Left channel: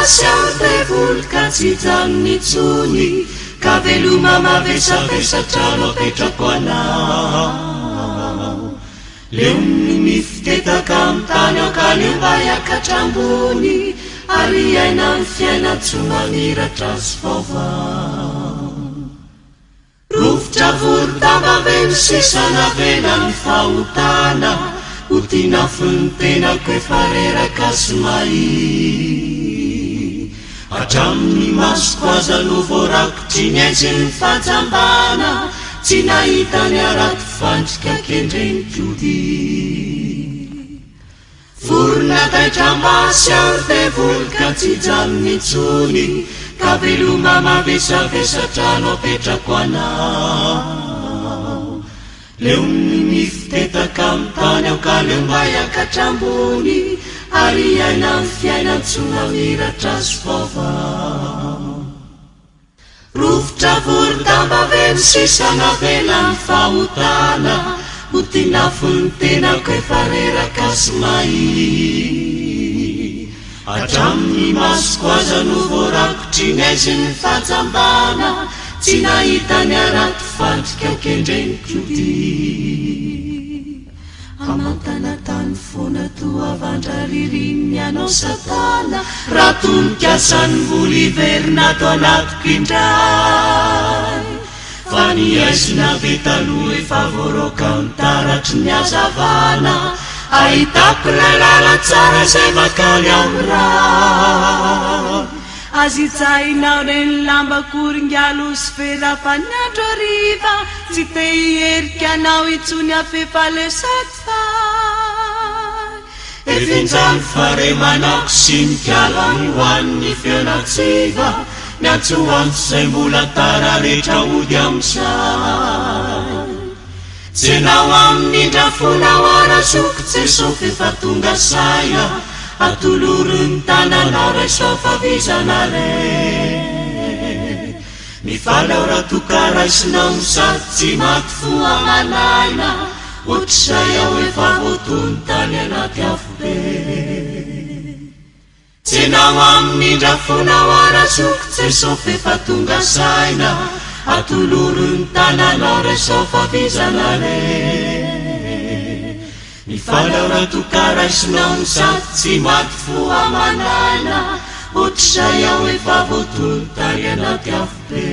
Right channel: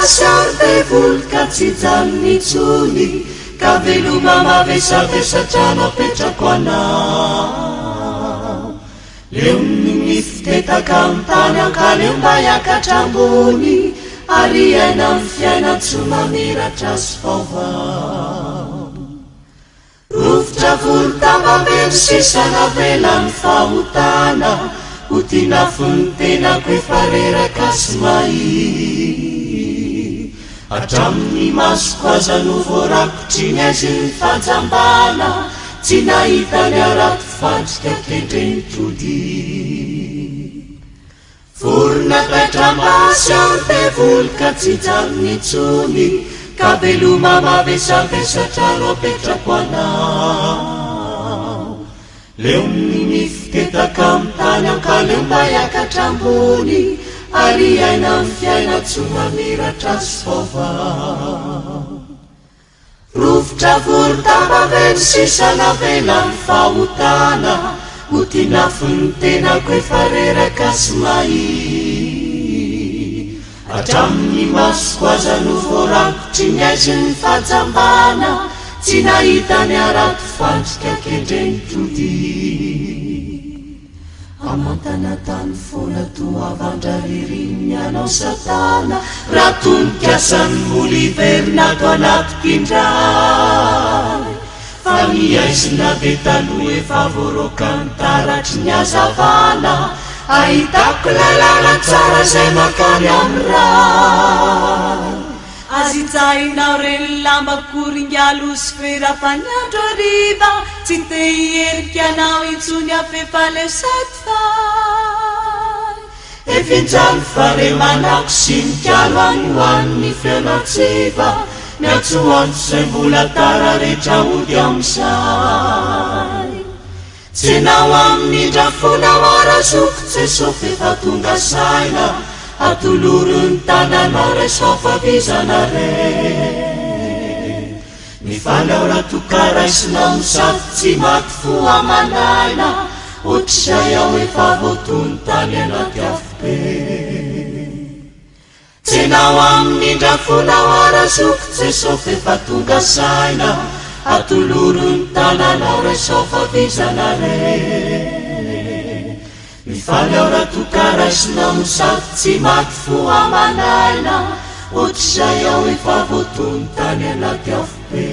tamasiardevolka tsy janonitsony ka veloma mavesavesatrano apetrako anao leo mifitetaka am'tany ao ka leo mba hiakatrambony ary aina amin'ny fiaina tsy mamiratra sy vaovao rofotra volotambavelo sisana velany fahotana ho tina fony tenako efa reraka sy mahi hatramin'ny masoko aza no voarakotry ny azy ny fajambana tsy nahita ny araky fandrika kendrenitody vorona taitra-masy ao tevolika tsy janonitsony ka veloma mavesavesatrano apetrako anao leo mifitetaka am'tany ao ka leo mba hiakatrambony ary aina amin'ny fiaina tsy mamiratra sy vaovao rofotra vorotambavelo sisana velany fahotana ho tina fony tenako efa reraka sy mahi hatramin'ny masoko aza no voarakotry ny azy ny fajambana tsy nahita ny araky fandrika kendrenitody amantana tany foana toavandra ririniny anao satana raha tonikasany moliverina to anatoko indray fa ny aizina be taloha efa voaroka ny taratry ny azavana ahitako lalàna tsara zay makaly amin'ny ray azy jainao reny lambakoringalo sy felafaniandro ariva tsy te hierikanao itsony afefalesaty fay efinjano fare manako sy nikalo any hoan'ny fialatsiva miatso antso zay mbola tara rehetra ody am'zay jenao amin'indra fonao arazoko jesofy efa tonga saina atolorony tananao raisofavizana re mifalao raha tokaraisinao misady tsy maty fo amanaina ohatr'izay aho efa voatony tany anaty afobe jenao amin'indra fonao arazoko jesofy efa tonga saina atolorony tananao raisofavizana re mifalao raha tokaraisinao misady tsy maty fo amanaina ohatr'izay aho efa voatony tany anaty afobe